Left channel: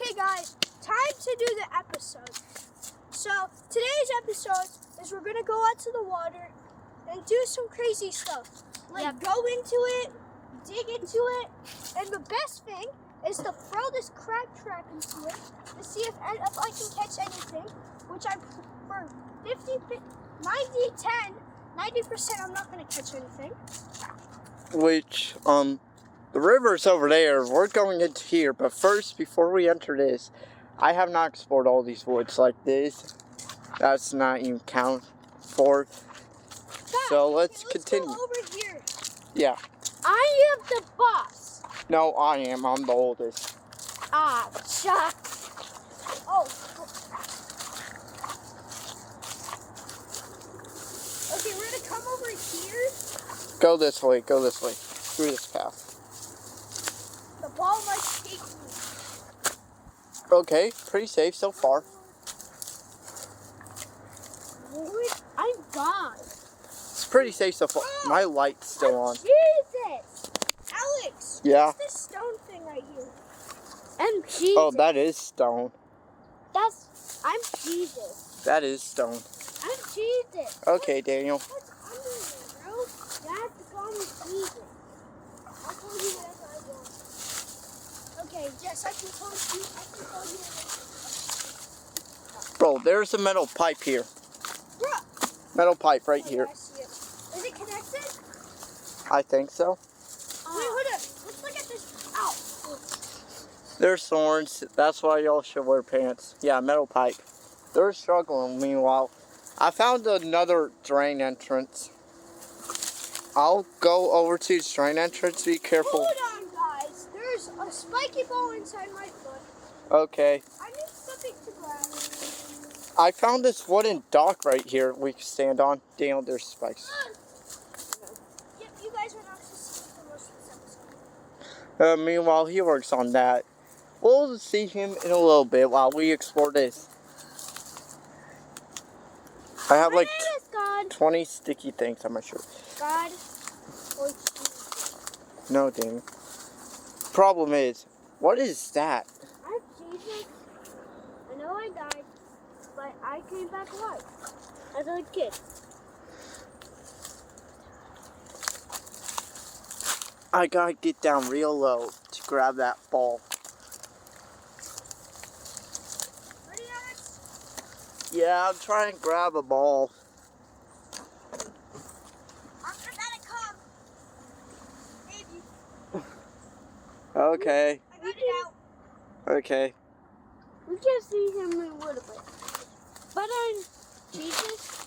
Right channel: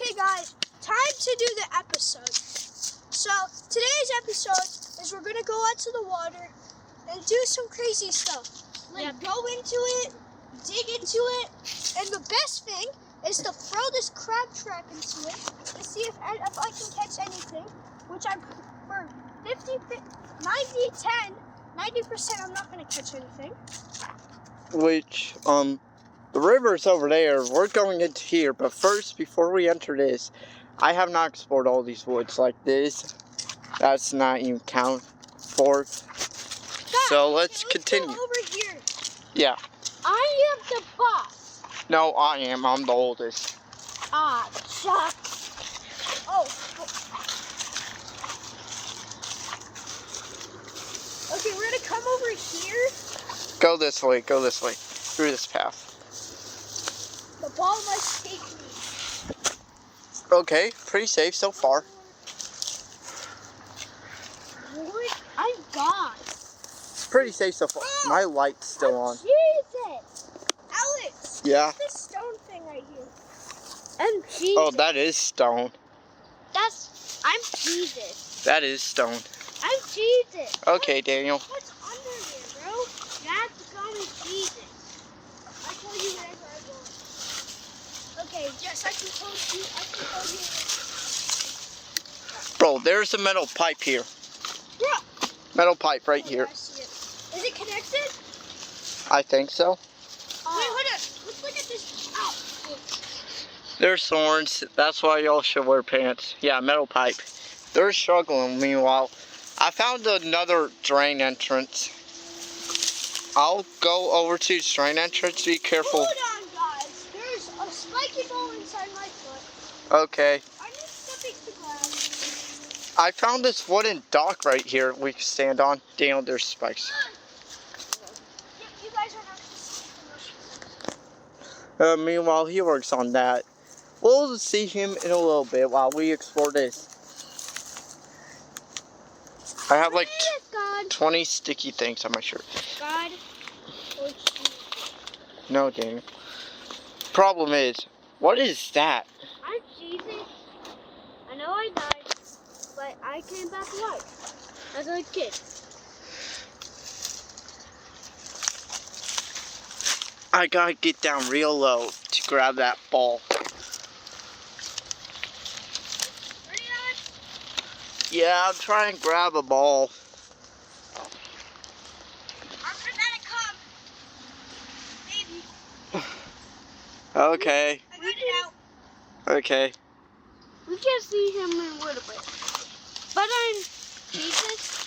Okay guys, time to do the episode. So today's episode is we're gonna go out to the water and do some crazy stuff. Go into it, dig into it, and the best thing is to throw this crab trap into it to see if I can catch anything, which I'm for 90% I'm not gonna catch anything. Which, the river's over there. We're going into here, but first, before we enter this, I have not explored all these woods like this. That's not even count for. So let's continue. Go over here. Yeah. I am the boss. No, I am. I'm the oldest. Ah, Chuck. Oh. Okay, we're gonna come over here. Go this way. Go this way. Through this path. The ball might take me. Okay, pretty safe so far. What? I'm gone. It's pretty safe so far. My light's still on. Jesus! Alex! Yeah? What's this stone thing right here? I'm Jesus. Oh, that is stone. I'm Jesus. That is stone. I'm Jesus. Okay, Daniel. What's under here, bro? You have to call me Jesus. I told you wherever I go. Okay, yes, I can tell you. Bro, there's a metal pipe here. Yeah. Metal pipe right here. I see it. Is it connected? I think so. Wait, hold on. Let's look at this. Oh. There's thorns. That's why y'all should wear pants. Yeah, metal pipe. They're struggling. Meanwhile, I found another drain entrance. I'll go over to the drain entrance. Be careful. Hold on, guys. There's a spiky ball inside my foot. Okay. I need something to grab. I found this wooden dock right here we can stand on. Daniel, there's spikes. Yeah, you guys are not supposed to see the motion. Meanwhile, he works on that. We'll see him in a little bit while we explore this. I have like 20 sticky things on my shirt. God. No, Daniel. Problem is, what is that? I'm Jesus. I know I died, but I came back alive as a kid. I gotta get down real low to grab that ball. Ready, Alex? Yeah, I'm trying to grab a ball. I'm gonna come. Maybe. Okay. I got it out. Okay. We can see him in a little bit. But I'm Jesus.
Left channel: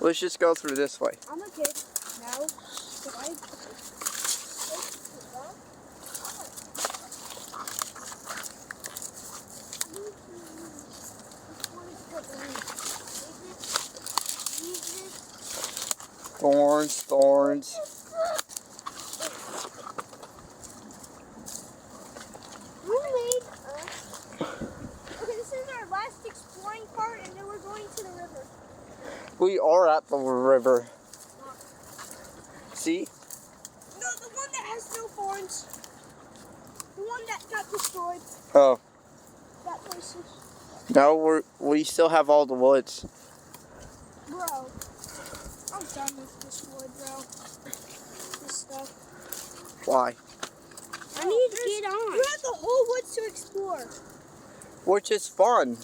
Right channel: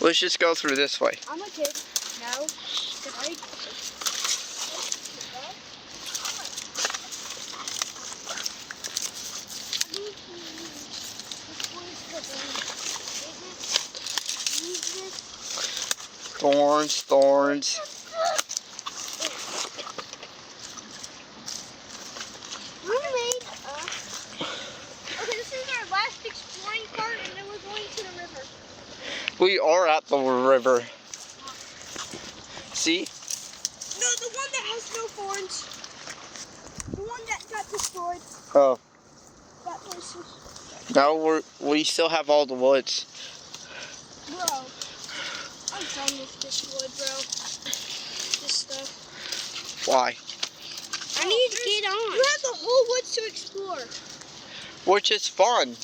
Let's just go through this way. I'm a kid. No. Thorns, thorns. Okay, this is our last exploring part, and then we're going to the river. We are at the river. See? No, the one that has no thorns. The one that got destroyed. Oh. That place is... No, we still have all the woods. Bro. I'm done with this wood, bro. This stuff. Why? I need to get on. You have the whole woods to explore. Which is fun.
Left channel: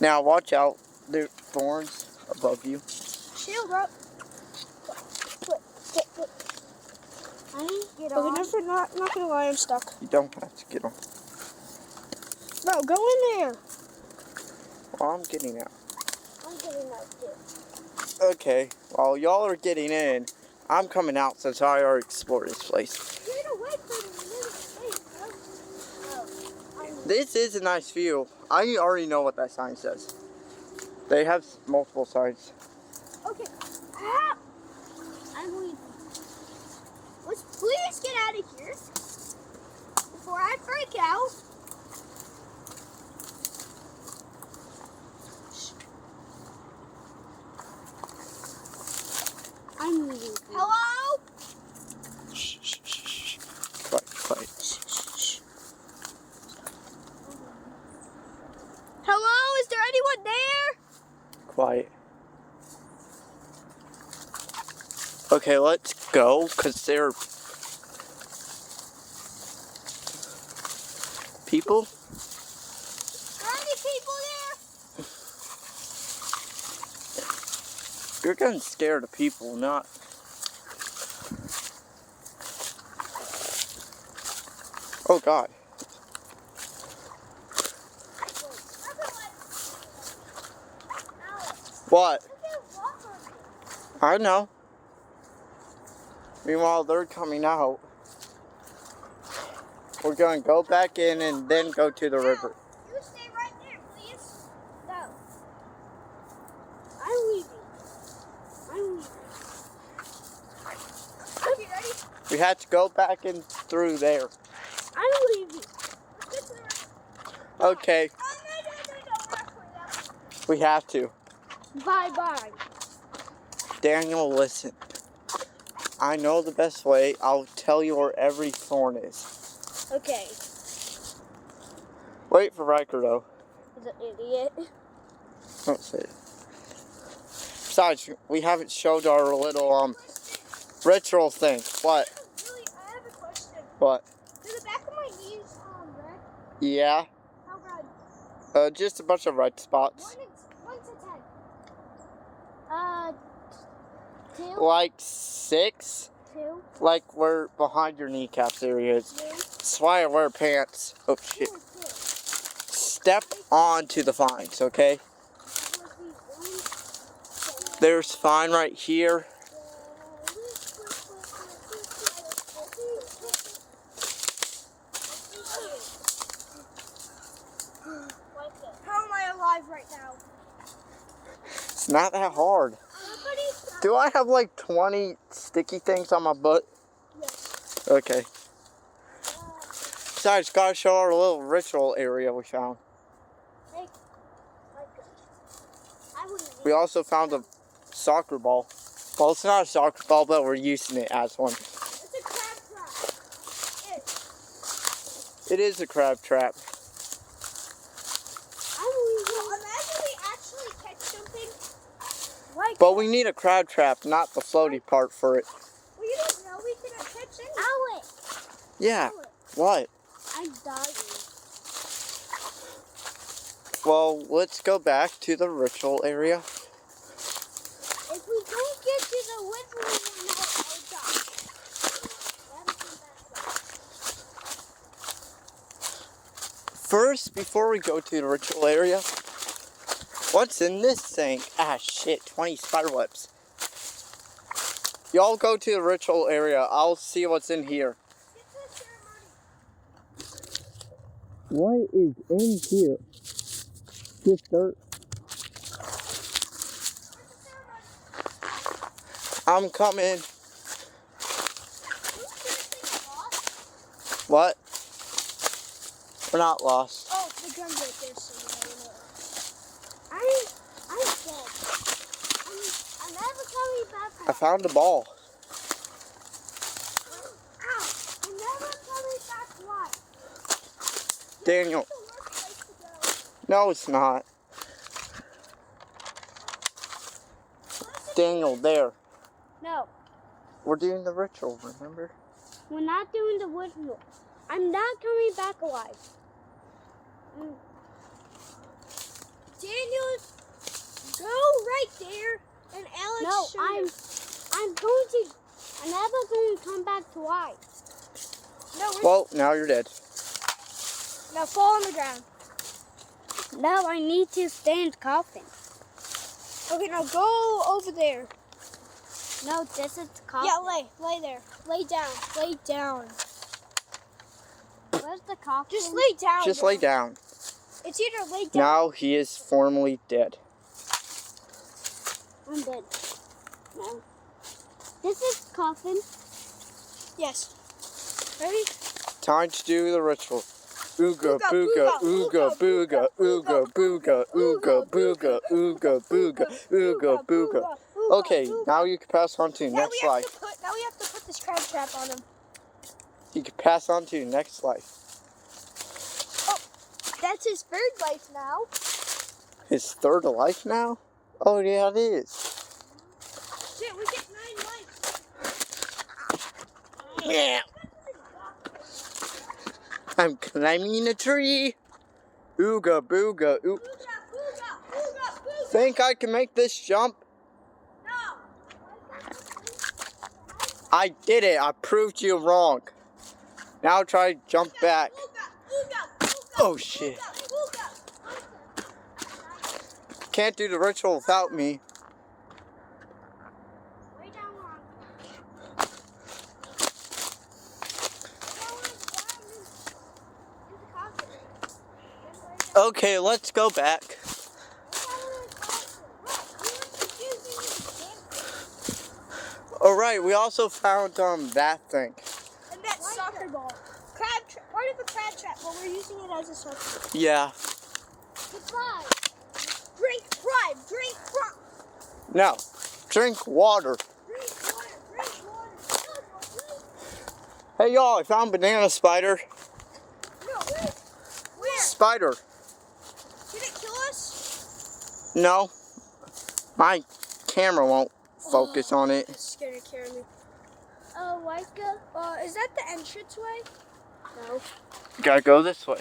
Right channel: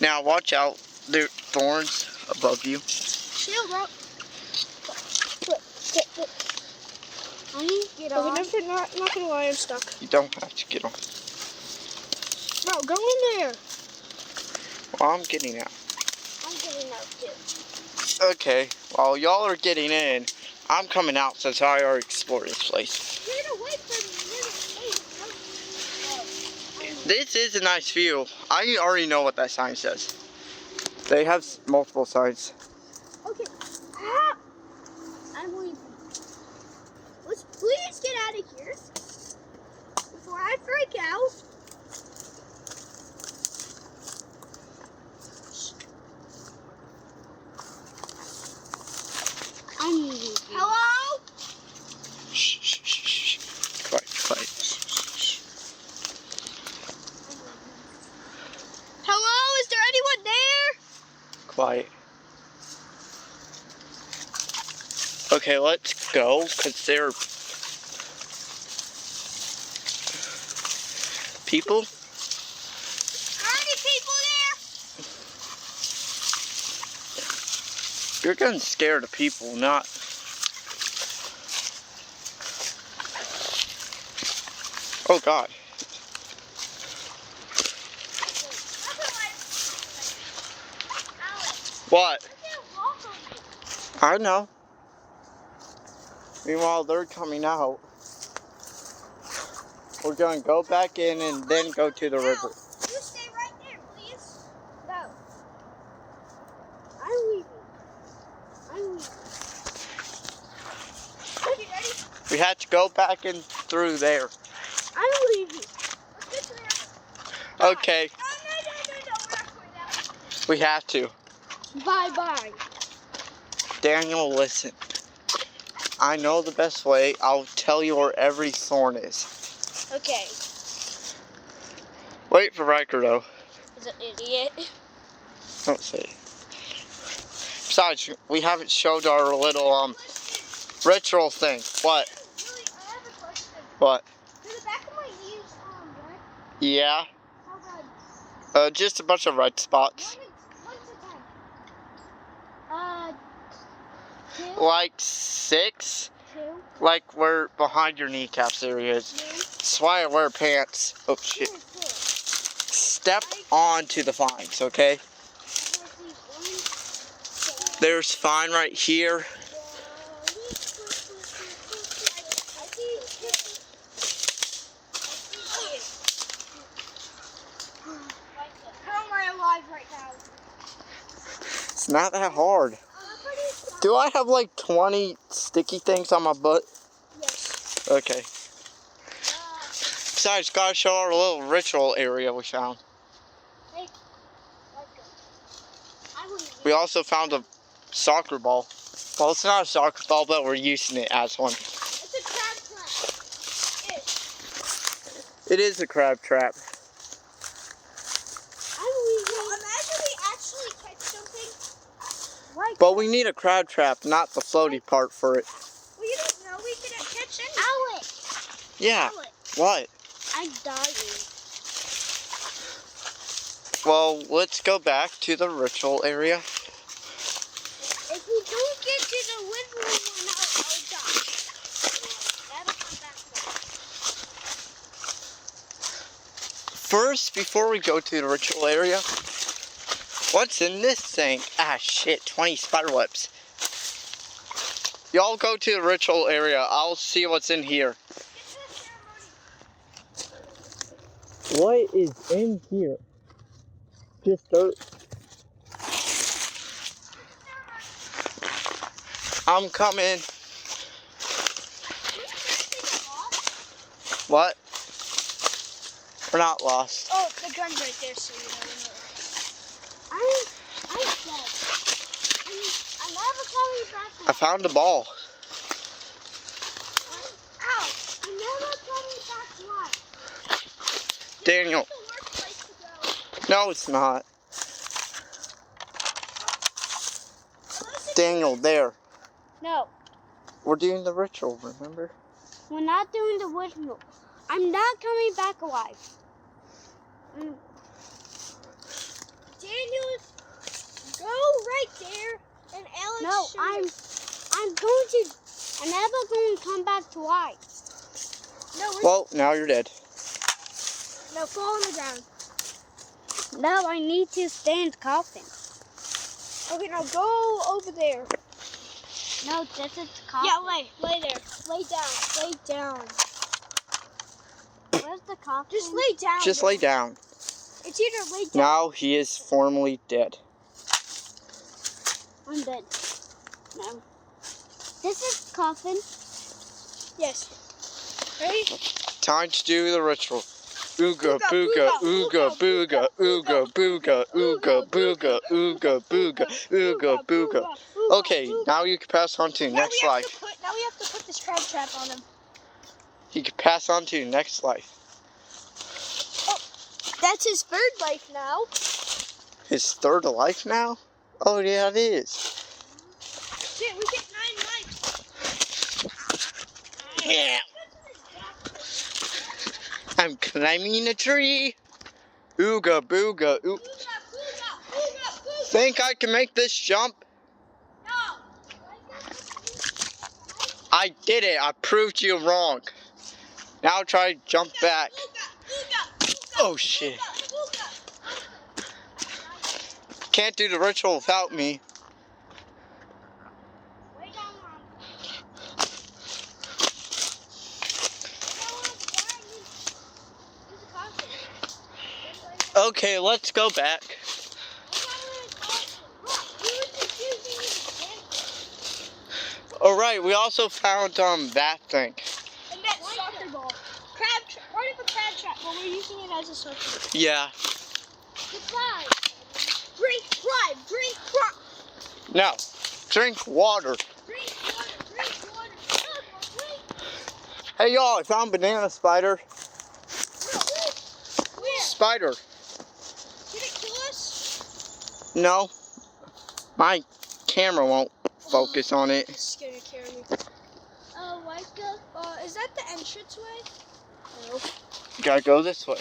Now watch out. There are thorns above you. Chill, bro. I need to get on. I'm not gonna lie, I'm stuck. You don't have to get on. Bro, go in there. Well, I'm getting out. I'm getting out too. Okay. While y'all are getting in, I'm coming out since I already explored this place. Get away from me. This is a nice view. I already know what that sign says. They have multiple signs. Okay. Ah! I'm leaving. Let's please get out of here before I freak out. Hello? Shh, shh, shh, shh. Quiet, quiet. quiet. Okay, let's go, because there are people. Are any people there? You're getting scared of people, not... Oh, God. What? I know. Meanwhile, they're coming out. We're going to go back in and then go to the river. You stay right there, please. No. I'm leaving. Okay, ready? We have to go back in through there. I'm leaving. Let's get there. Okay, No. We're not going that way. we have to. Bye-bye. Daniel, listen. I know the best way. I'll tell you where every thorn is. Okay. Wait for Riker, though. He's an idiot. Don't say it. Besides, we haven't showed our little, ritual thing. What? Really, I have a question. What? Do the back of my ears, red? Yeah. How red? Just a bunch of red spots. 1 to 10. 2. Like 6. 2. Like where behind your kneecaps area is. 3. That's why I wear pants. Oh, shit. 4. Step onto the vines, okay? There's vine right here. How am I alive right now? It's not that hard. Do I have like 20 sticky things on my butt? Yes. Okay. Besides, gotta show our little ritual area we found. Hey, We also found a soccer ball. Well, it's not a soccer ball, but we're using it as one. it's a crab trap. It is a crab trap. Imagine we actually catch something. Like But we need a crab trap, not the floaty part for it. well, you don't know. We could catch anything. Alex. Yeah. Alex. What? I'm dying. Well, let's go back to the ritual area. If we don't get to the living room now, I'll die. Gotta come back. First, before we go to the ritual area, what's in this thing? Ah, shit, 20 spider webs. Y'all go to the ritual area. I'll see what's in here. What is in here? Just dirt. I'm coming. What? We're not lost. Oh, the gun's right there, so you know. I'm never coming back. I found a ball. Ow! I'm never coming back alive. Daniel. This is the worst place to go. No, it's not. Daniel, there. No, We're doing the ritual, remember? we're not doing the ritual. I'm not coming back alive. Daniel, go right there, and Alex. No, I'm never going to come back to life. No, Well, now you're dead. now fall on the ground. No, I need to stay in the coffin. Okay, now go over there. No, this is the coffin. Yeah, lay there. Lay down. Where's the coffin? Just lay down. Just lay down. It's either lay down. Now he is formally dead. I'm dead. No. This is the coffin. Yes. Ready? Time to do the ritual. Ooga booga, ooga booga, ooga booga, ooga booga, ooga booga, ooga booga. Okay, now you can pass on to next life. Now we have to put this crab trap on him. He can pass on to next life. That's his third life now. His third life now? Oh, yeah, it is. Shit, we get 9 likes. Yeah. I'm climbing a tree. Ooga booga. Oop. Booga, booga, booga, booga. Think I can make this jump? No. I did it. I proved you wrong. Now try to jump back. Oh shit. Can't do the ritual without me. Okay, let's go back. Alright, we also found that thing. And that soccer ball. Crab trap. Part of a crab trap, but we're using it as a soccer ball. Yeah. Drink crab. Drink crab. No. Drink water. Drink water. Drink water. Drink. Hey y'all, I found banana spider. No. Where? Spider. Did it kill us? No. My camera won't focus on it. It's gonna carry me. Oh, Micah. Is that the entranceway? No. You gotta go this way.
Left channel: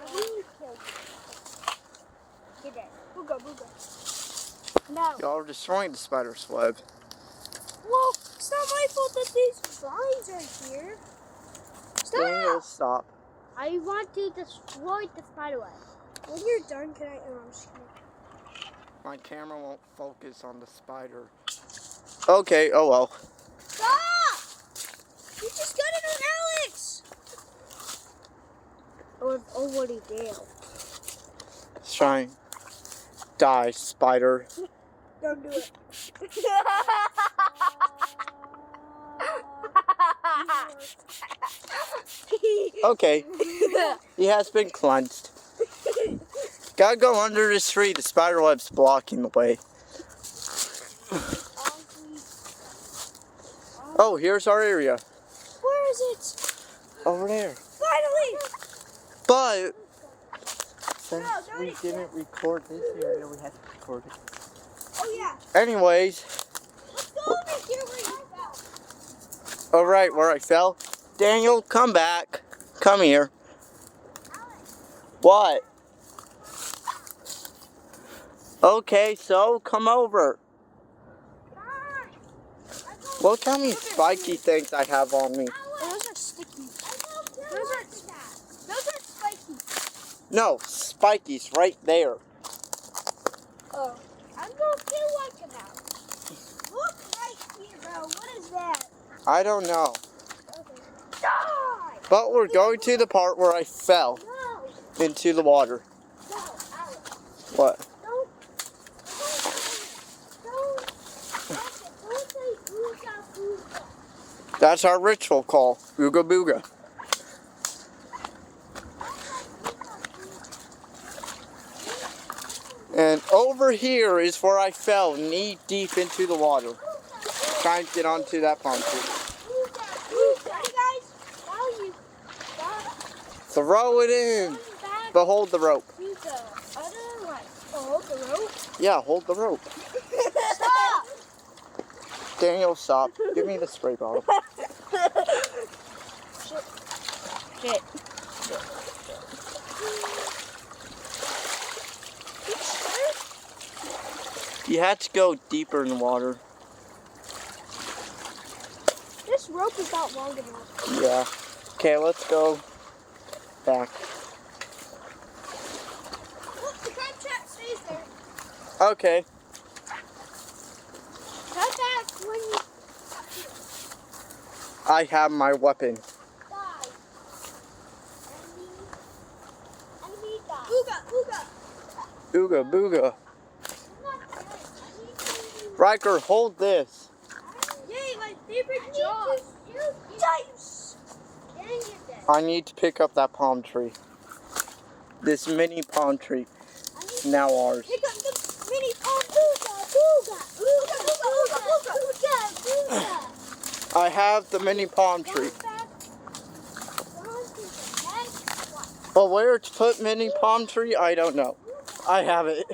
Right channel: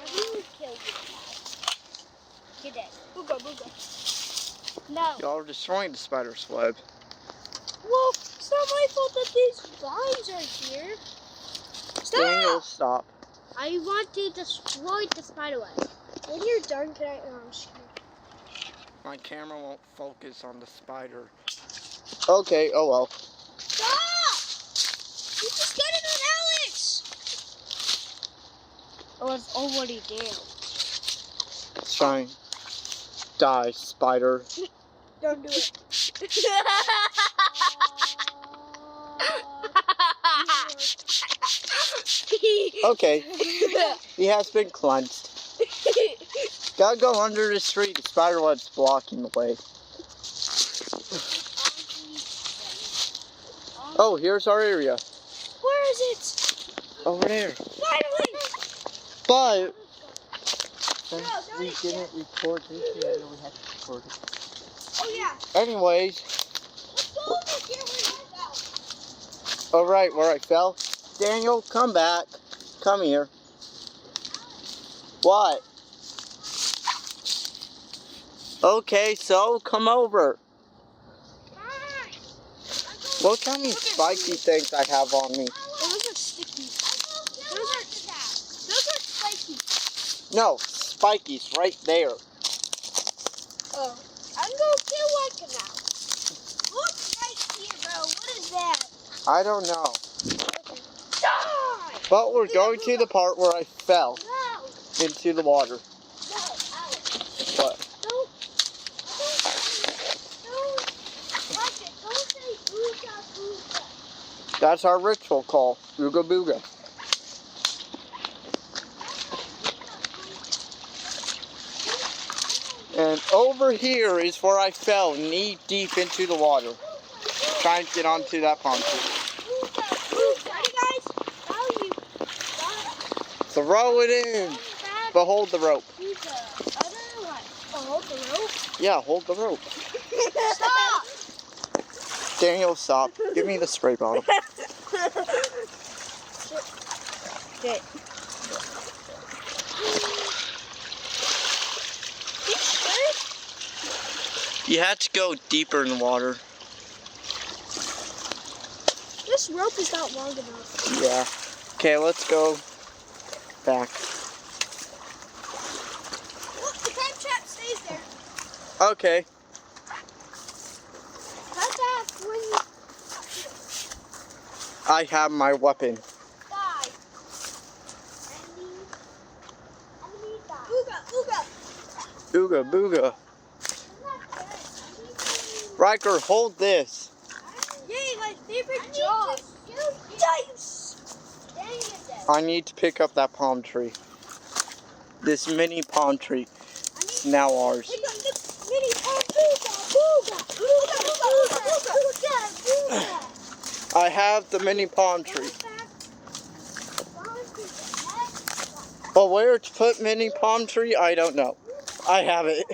I will kill you. Get it. Booga, booga. No. Y'all are destroying the spider's web. Well, it's not my fault that these vines are here. Stop! Daniel, stop. I want to destroy the spider web. When you're done, can I? I'm just kidding. My camera won't focus on the spider. Okay, oh well. Stop! You just got it on Alex! I was already dead. Shine. Die, spider. Don't do it. Okay. He has been cleansed. Gotta go under this tree. The spider web's blocking the way. Oh, here's our area. Where is it? Over there. Finally! But since No, not we it didn't record this area, we had to record it. Oh yeah. Anyways, Let's go over here where you fell. alright, where I fell. Daniel, come back. Come here. What? Okay, so come over. Fine. Look how many spiky things I have on me. Those are sticky. Those are spiky. No, spikies right there. Oh. I'm gonna kill one now. Look right here, bro. What is that? I don't know. Die! But we're going to the part where I fell No. into the water. No, Alex. What? Don't like it. Don't say booga booga. That's our ritual call. Ooga booga. And over here is where I fell knee deep into the water. Trying to get onto that palm tree. Ready, guys? Now you Throw it in. But hold the rope. use the other one. Oh, hold the rope. Yeah, hold the rope. Stop! Daniel, stop. Give me the spray bottle. Sit. You had to go deeper in the water. This rope is not long enough. Yeah. Okay, let's go back. Look, the crab trap stays there. Okay. Come back when you I have my weapon. die. Enemy die. Booga, booga. Ooga booga. I'm not dead. I need to... Riker, hold this. Yay, my favorite job. Dice. Dang it, Dad. I need to pick up that palm tree. This mini palm tree is now ours. Pick up the mini palm. Booga, booga. Booga, booga, booga, booga, booga. I have the mini palm tree. But where to put mini palm tree, I don't know. I have it.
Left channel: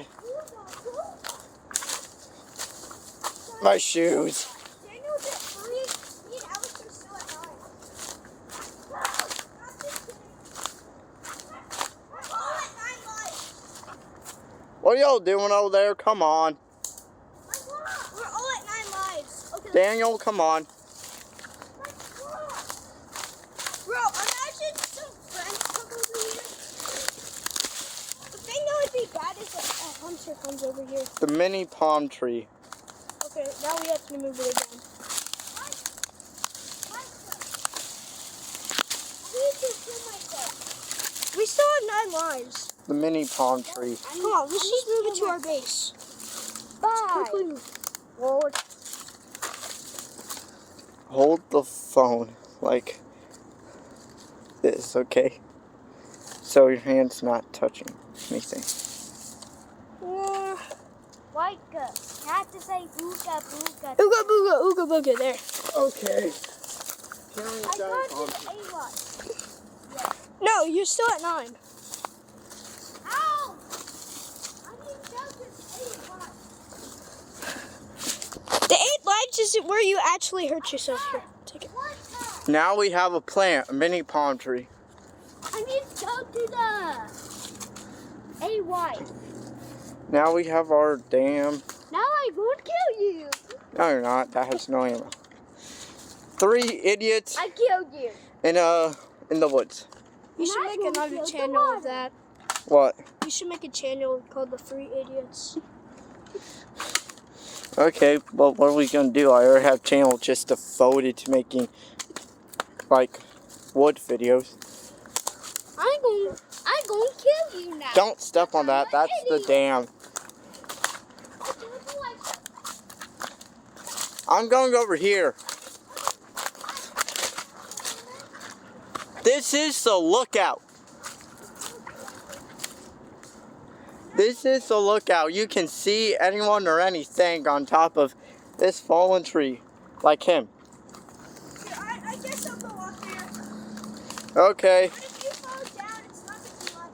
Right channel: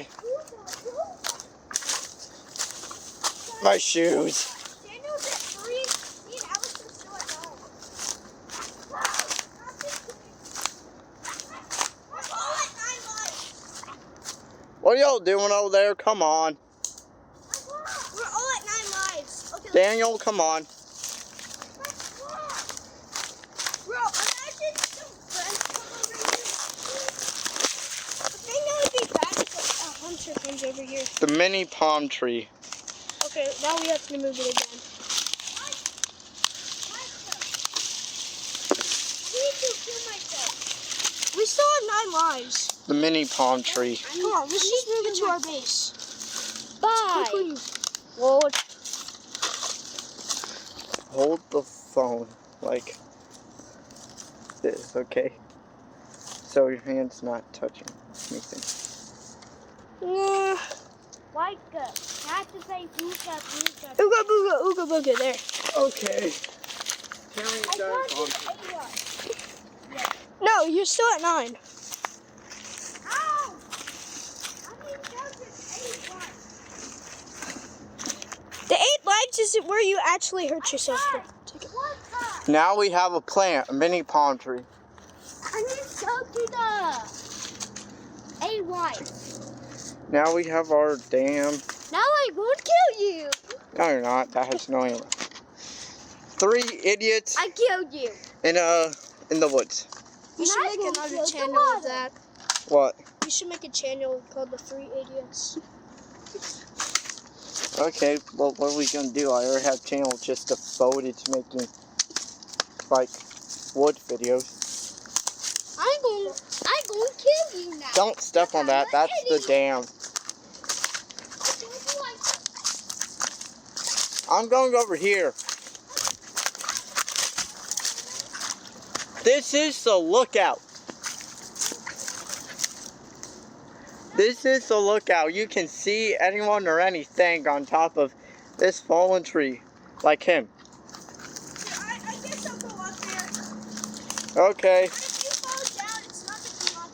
My shoes. Daniel's at 3. Me and Alex are still at 9. Whoa, not just kidding. We're all at 9 lives. What are y'all doing over there? Come on. We're all at 9 lives. Okay, Daniel, come on. bro, imagine some friends come over here. The thing that would be bad is a hunter comes over here. The mini palm tree. Okay, now we have to move it again. I need to kill myself. We still have 9 lives. The mini palm tree. Come on, let's just move it to our base. Bye. Lord. Hold the phone like this, okay? So your hand's not touching anything. Yeah. Like, I have to say ooga booga. Ooga booga, ooga booga, there. Okay. I got to A1. No, you're still at 9. Ow! I need to go to A1. The 8 lives is where you actually hurt yourself here. Take it. What time? Now we have a plant, a mini palm tree. I need to go to the A1. Now we have our dam. Now I won't kill you. No, you're not. That has no ammo. 3 idiots I killed you. in the woods. You should And I make won't another kill the channel water. of that. What? You should make a channel called The 3 Idiots. Okay, but what are we gonna do? I already have a channel just devoted to making like wood videos. I'm going to kill you now. Don't step on that. That's the dam. I don't like I'm going over here. This is the lookout. This is the lookout. You can see anyone or anything on top of this fallen tree, like him. Yeah, I guess I'll go up there. Okay, If you fall down, it's not going to be my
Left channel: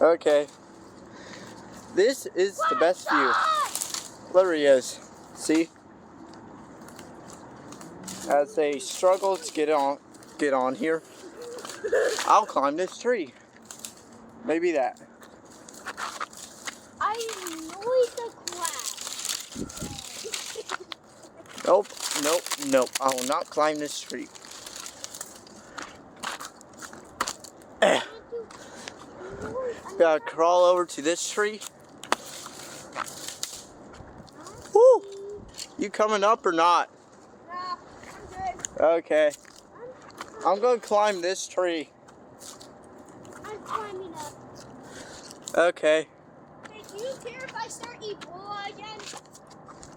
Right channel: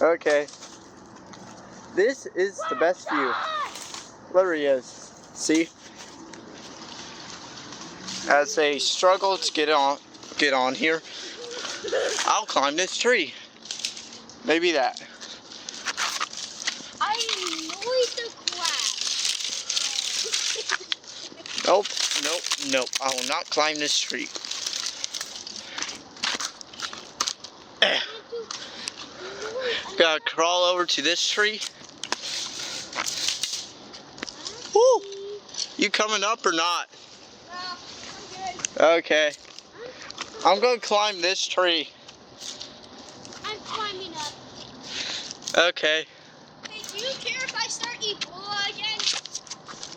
fault. okay. This is the best view. There he is. See? As they struggle to get on here, I'll climb this tree. Maybe that. I need the crab. Nope, nope, nope. I will not climb this tree. Gotta crawl over to this tree. Woo! You coming up or not? No, I'm good. Okay. I'm gonna climb this tree. I'm climbing up. Okay. Hey, do you care if I start Ebola again?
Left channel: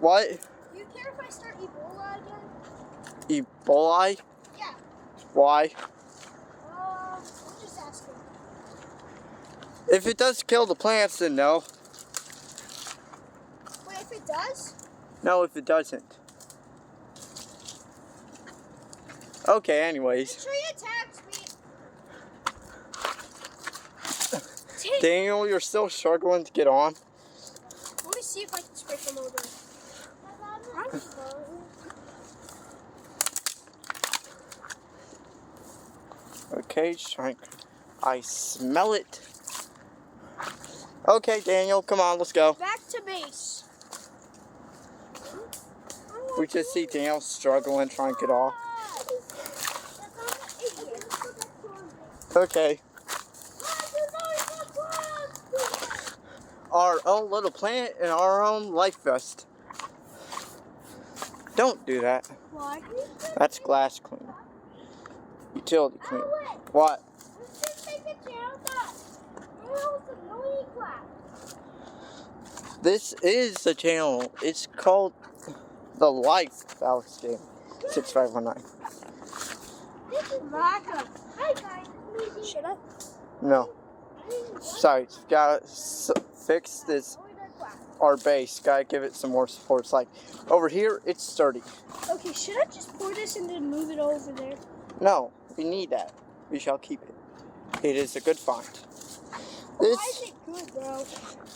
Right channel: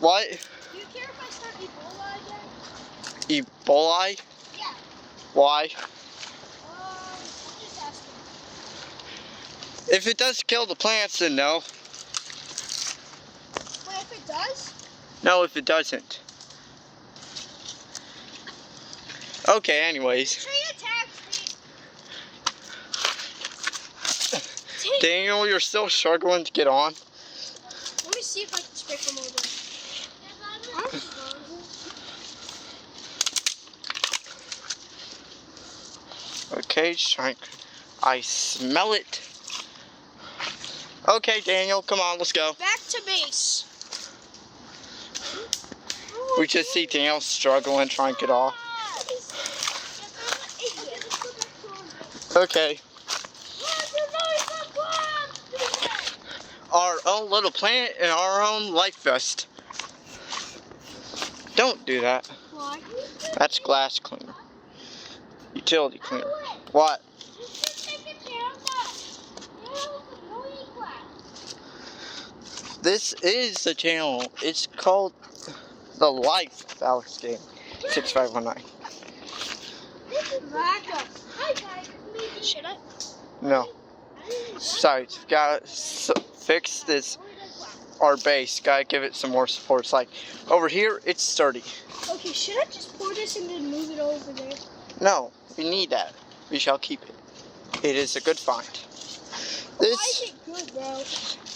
What? Do you care if I start Ebola again? Ebola? Yeah. Why? I'm just asking. If it does kill the plants, then no. Wait, if it does? No, if it doesn't. Okay, anyways. The tree attacks me. Daniel, you're still struggling to get on. Let me see if I can stick them over. Okay, I smell it. Okay, Daniel, come on, let's go. Back to base. We just see Daniel struggling, trying to get off. Okay. Our own little planet and our own life vest. Don't do that. Why? That's glass cleaner. Utility cleaner. What? This is the channel. It's called The Life of Alex Gaming 6519. Should I? No. Sorry, gotta fix this. Our base, gotta give it some more support. It's like over here, it's sturdy. Okay, should I just pour this and then move it over there? No, we need that. We shall keep it. It is a good find. Why is This, it good, bro?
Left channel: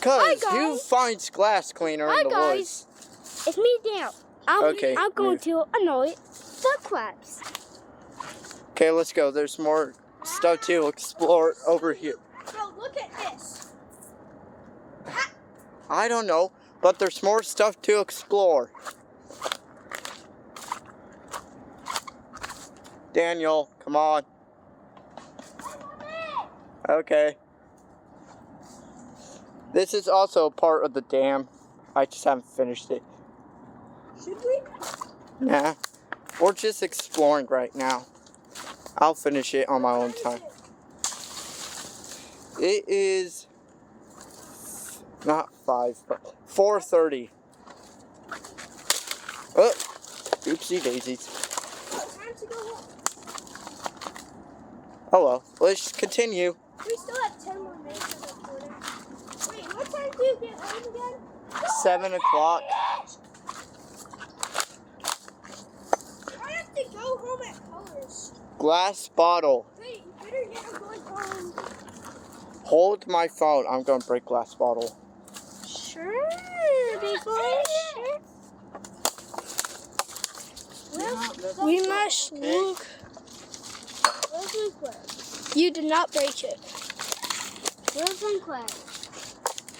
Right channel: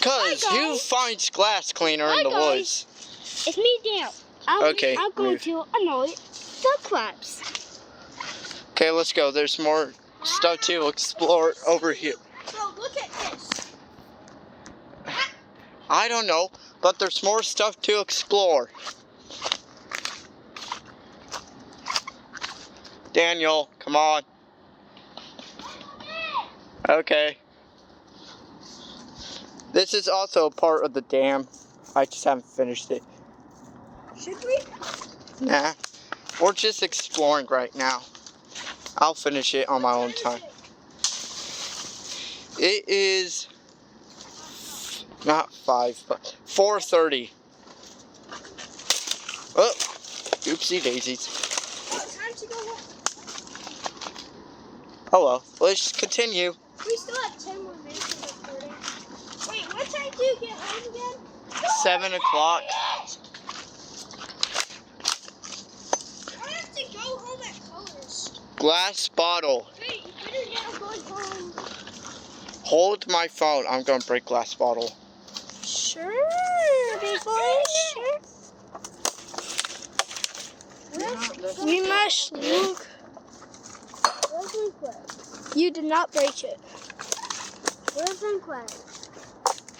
cause Hi, who guys. finds glass cleaner Hi, in the guys. woods? It's me, Dale. Okay, I'm going move. to annoy the crabs. Okay, let's go. There's more stuff to explore over here. So look at this. I don't know, but there's more stuff to explore. Daniel, come on. Okay. This is also a part of the dam. I just haven't finished it. Should we? Nah. We're just exploring right now. I'll finish it on my own time. It is not 5, but 4:30. Oh, oopsie daisies. Time to go home. Oh well, let's continue. We still have 10 more minutes of recording. Wait, what time do you get home again? 7 o'clock. I have to go home at Colors. Glass bottle. Wait, you better get going home. Hold my phone. I'm gonna break glass bottle. Sure, big boy. We must look. You did not break it. Listen, Clay.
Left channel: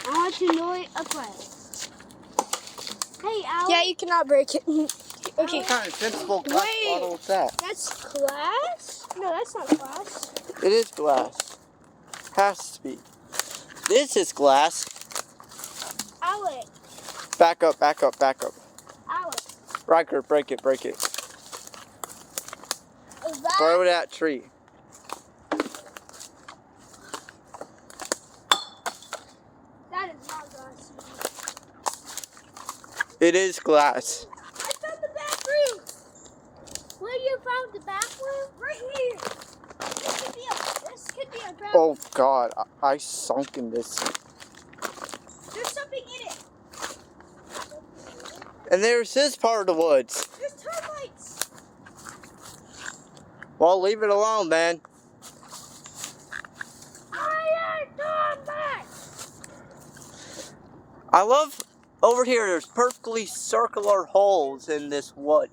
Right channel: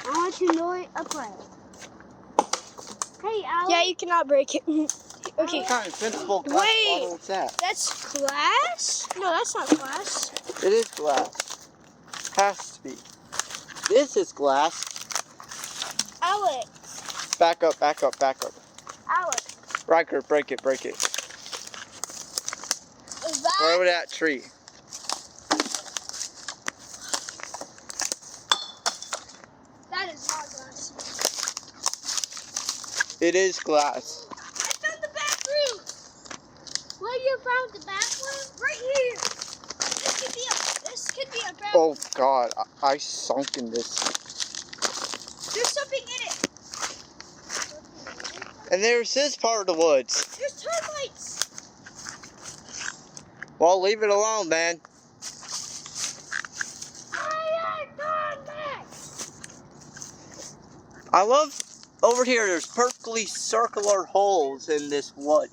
I want to annoy a crab. Hey, Al. Yeah, you cannot break it. Okay, What kind of invincible glass Wait. bottle is that? that's glass? No, that's not glass. It is glass. Has to be. This is glass. Alex. Back up, back up, back up. Alex. Riker, break it, break it. Is that? Throw that tree. That is not glass. It is glass. I found the bathroom. Where you found the bathroom? Right here. This could be a bathroom. Oh God, I sunk in this. There's something in it. And there's this part of the woods. There's termites. Well, leave it alone, man. I love over here. There's perfectly circular holes in this wood.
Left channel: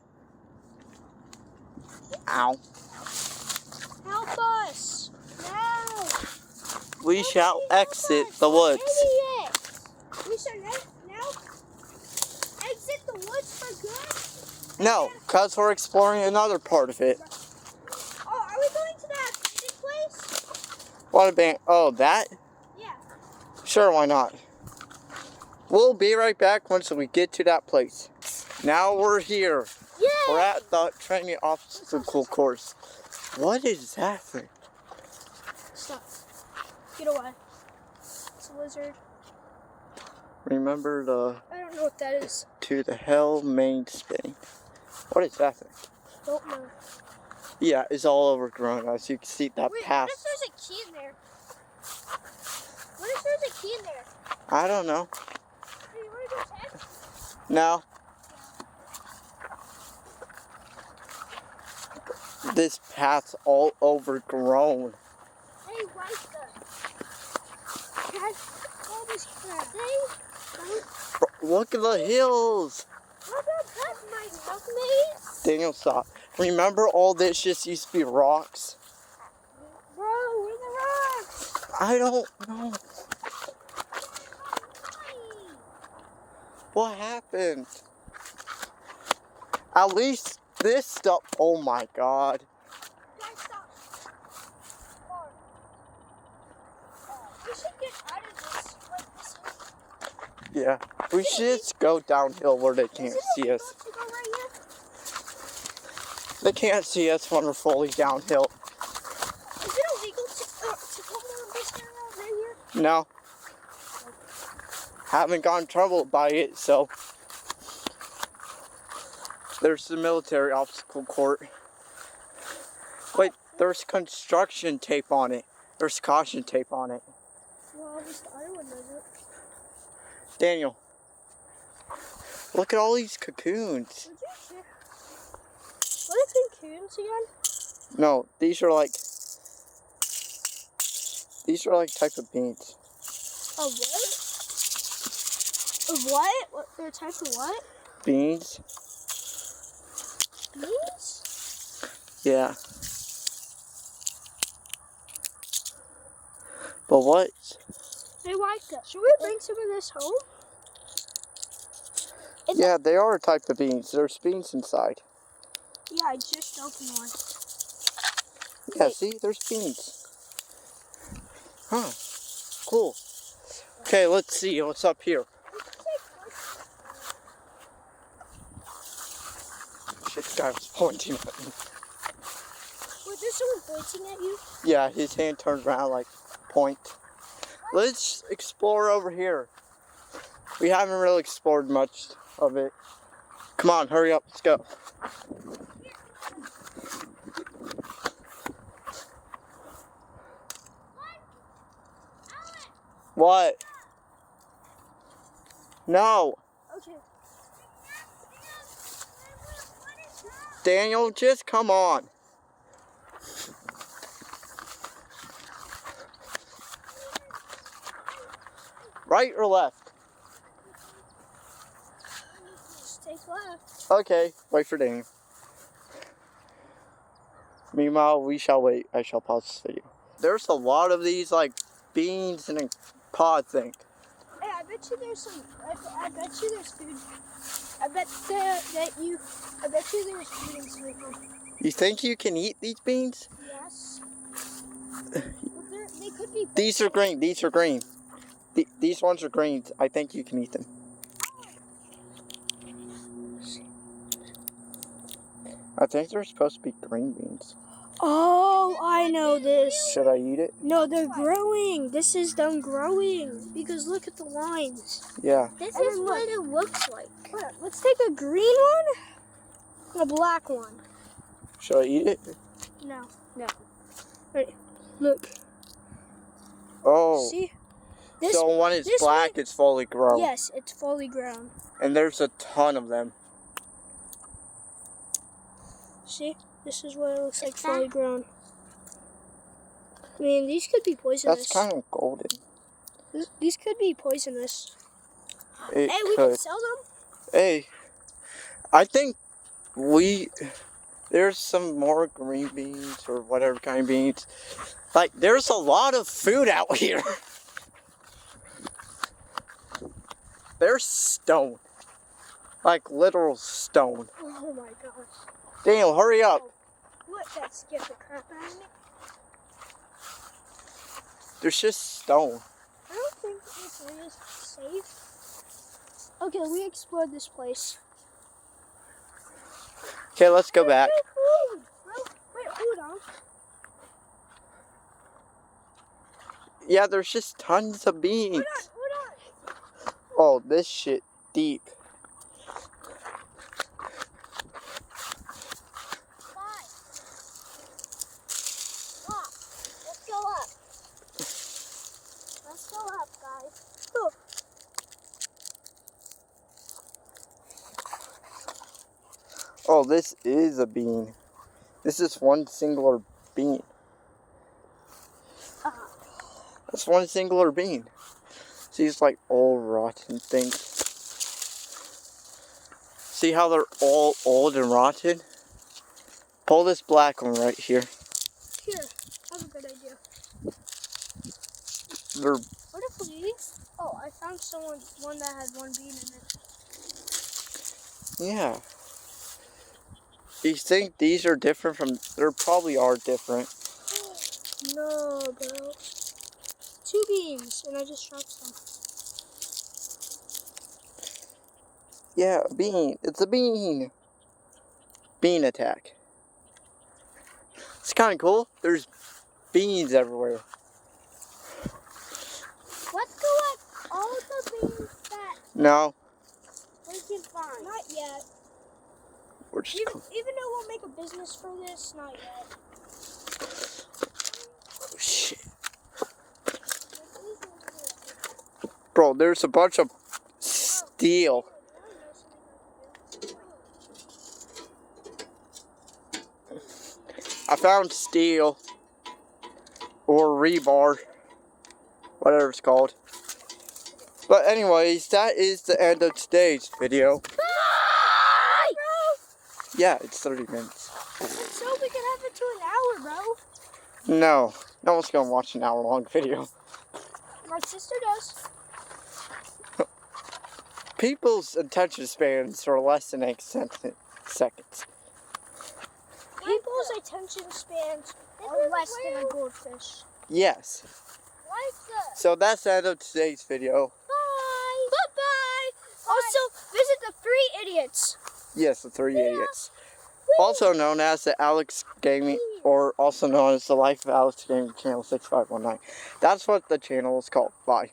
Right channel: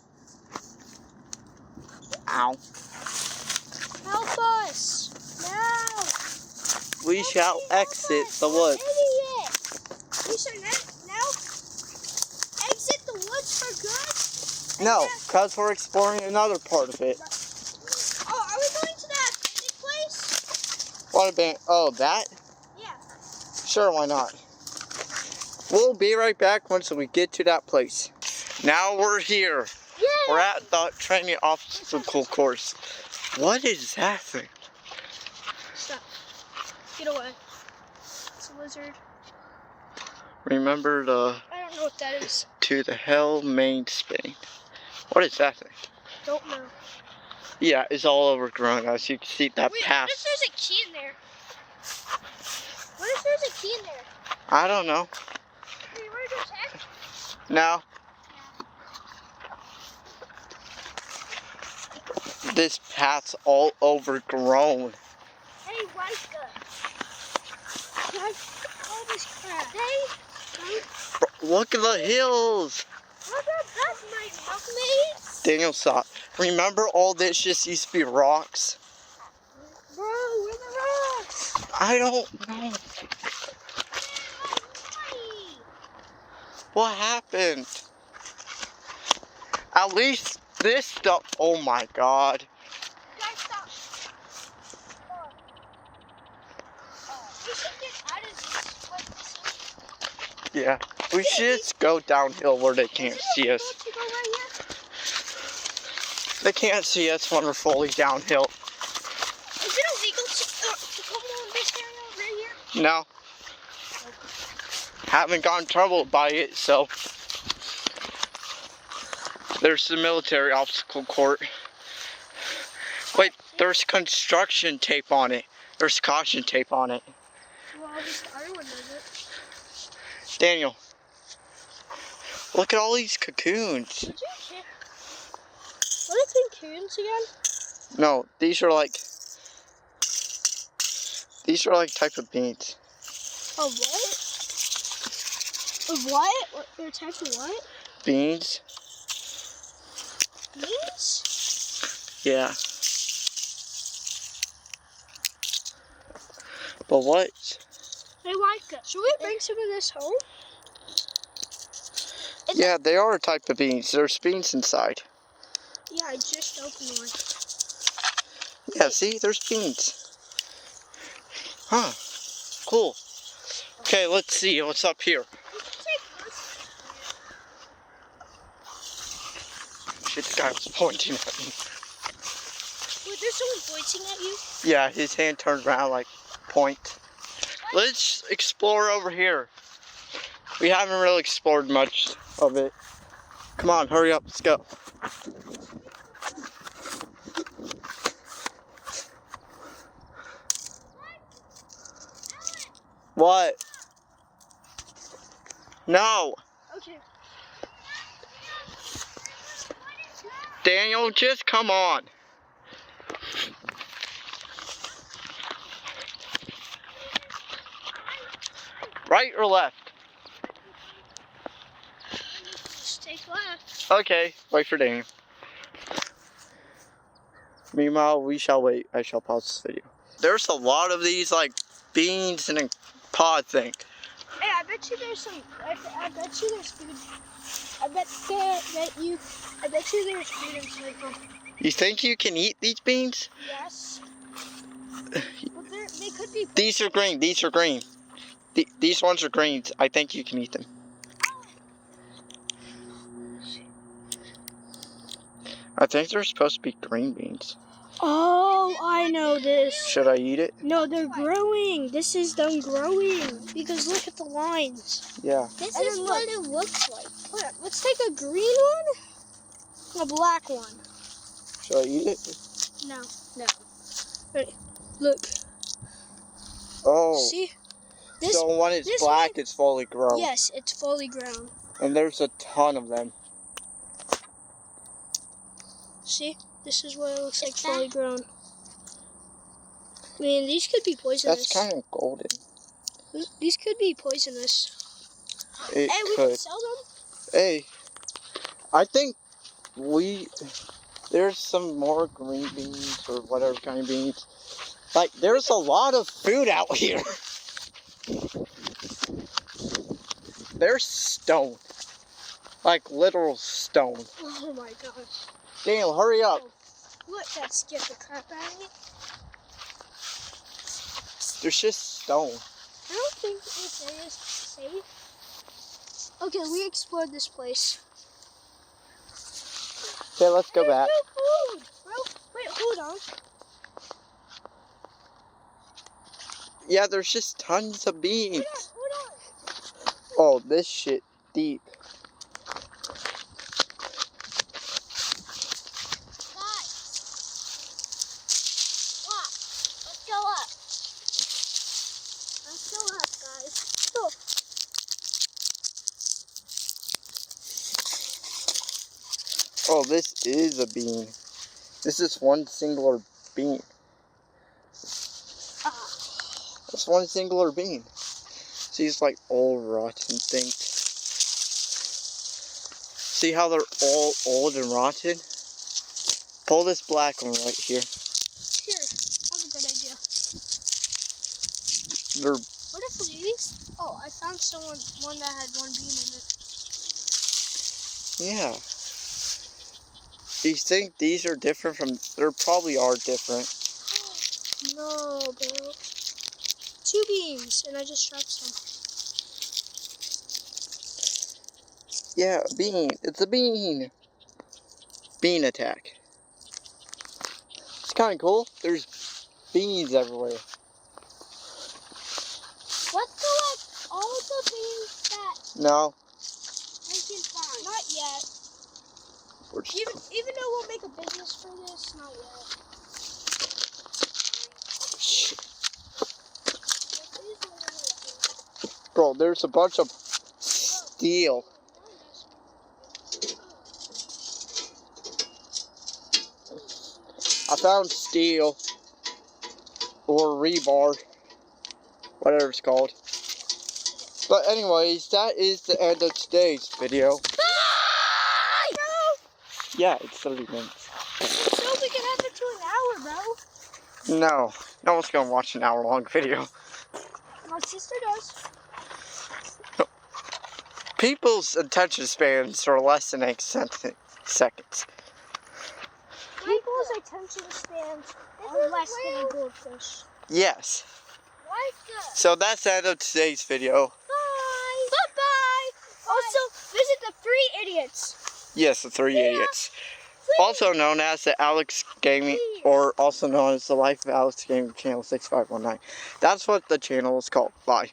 Ow. Help us. No. We shall exit the woods. Idiot. We should now exit the woods for good. No, because we're exploring another part of it. Oh, are we going to that abandoned place? What a band. Oh, that? Yeah. Sure, why not? We'll be right back once we get to that place. Now we're here. Yeah. We're at the training obstacle course. What is that thing? Stop. Get away. It's a lizard. Remember the I don't know what that is. to the hell main spin. What is that thing? Don't know. Yeah, it's all overgrown. As you can see, that Wait, path. what if there's a key in there? What if there's a key in there? I don't know. Hey, you want to go check? No. This path's all overgrown. Hey, Micah. Check all this crap. Hey, Look at the hills. how about that, my buckmates? Daniel saw. Remember all this just used to be rocks? Bro, where the rocks? I don't know. What happened? At least this stuff. Oh my God. Guys, stop. Come on. We should get out of this. Yeah. We should just go downhill where they can't see us. To go right here? They can't see us when we're fully downhill. Is it illegal to come on this area right here? No. Haven't gotten troubled by it, so. There's the military obstacle court. Wait, there's construction tape on it. There's caution tape on it. Well, everyone knows it. Daniel, look at all these cocoons. Did you check? What are cocoons again? No, these are like type of beans. A what? A what? What? They're a type of what? beans. Beans? Yeah. But what? I like it. Should we bring some of this home? Yeah, they are a type of beans. There's beans inside. Yeah, I just opened one. Yeah, see? There's beans. Huh. Cool. Okay, let's see what's up here. Shit, the guy was pointing at me. Wait, there's someone pointing at you? Yeah, his hand turned around like point. Let's explore over here. We haven't really explored much of it. Come on, hurry up, let's go. What? No. Okay. Daniel, just come on. Right or left? Just take left. Okay, wait for Daniel. Meanwhile, we shall wait. I shall pause this video. There's a lot of these, like, beans in a pod thing. Hey, I bet you there's some. I bet you there's food. I bet you there's food inside them. You think you can eat these beans? Yes. But they could be. These are green. These are green. These ones are greens. I think you can eat them. I think they're supposed to be green beans. Oh, I know this. Should I eat it? No, they're growing. This is them growing. Because look at the lines. Yeah. This And is then what it looks like. Look, let's take a green one and a black one. Should I eat it? No. Wait, look. Oh. See? This, So when it's this black, it's fully grown. yes, it's fully grown. And there's a ton of them. See? This is what it looks like fully grown. I mean, these could be poisonous. That's kind of golden. These could be poisonous. It Hey, we could. can sell them? Hey, I think there's some more green beans or whatever kind of beans. Like, there's a lot of food out here. There's stone. Like, literal stone. Oh my gosh. Daniel, hurry up. Look, that scared the crap out of me. There's just stone. I don't think this area is safe. Okay, we explored this place. Okay, let's go back. No food, bro. Wait, hold on. Yeah, there's just tons of beans. Hold on. Oh, this shit deep. Let's go up. Let's go up, guys. Look. Oh, this is a bean. This is one singular bean. That's one singular bean. See, it's like all rotten things. See how they're all old and rotten? Pull this black one right here. Here, I have a good idea. They're, What if these? Oh, I found one that had one bean in it. yeah. Do you think these are different from, they probably are different. No, bro. 2 beans, and I just dropped some. Yeah, a bean. It's a bean. Bean attack. It's kind of cool. There's beans everywhere. Let's go up all the beans that No, we can find. Not yet. we're just. Even though we'll make a business from this, not yet. Oh, shit. Bro, there's a bunch of steel. I found steel or rebar, whatever it's called. But anyways, that is the end of today's video. Yeah, it's 30 minutes. So we can have it to an hour, bro. No. No one's gonna watch an hour-long video. My sister does. People's attention spans are less than 8 seconds. People's attention spans are less than a goldfish. Yes. Micah. So that's the end of today's video. Bye. Bye-bye. Also, visit the 3 idiots. Yes, the 3 idiots. Also known as the Alex Gaming, or also known as the Life of Alex Gaming Channel 6519. That's what the channel is called. Bye.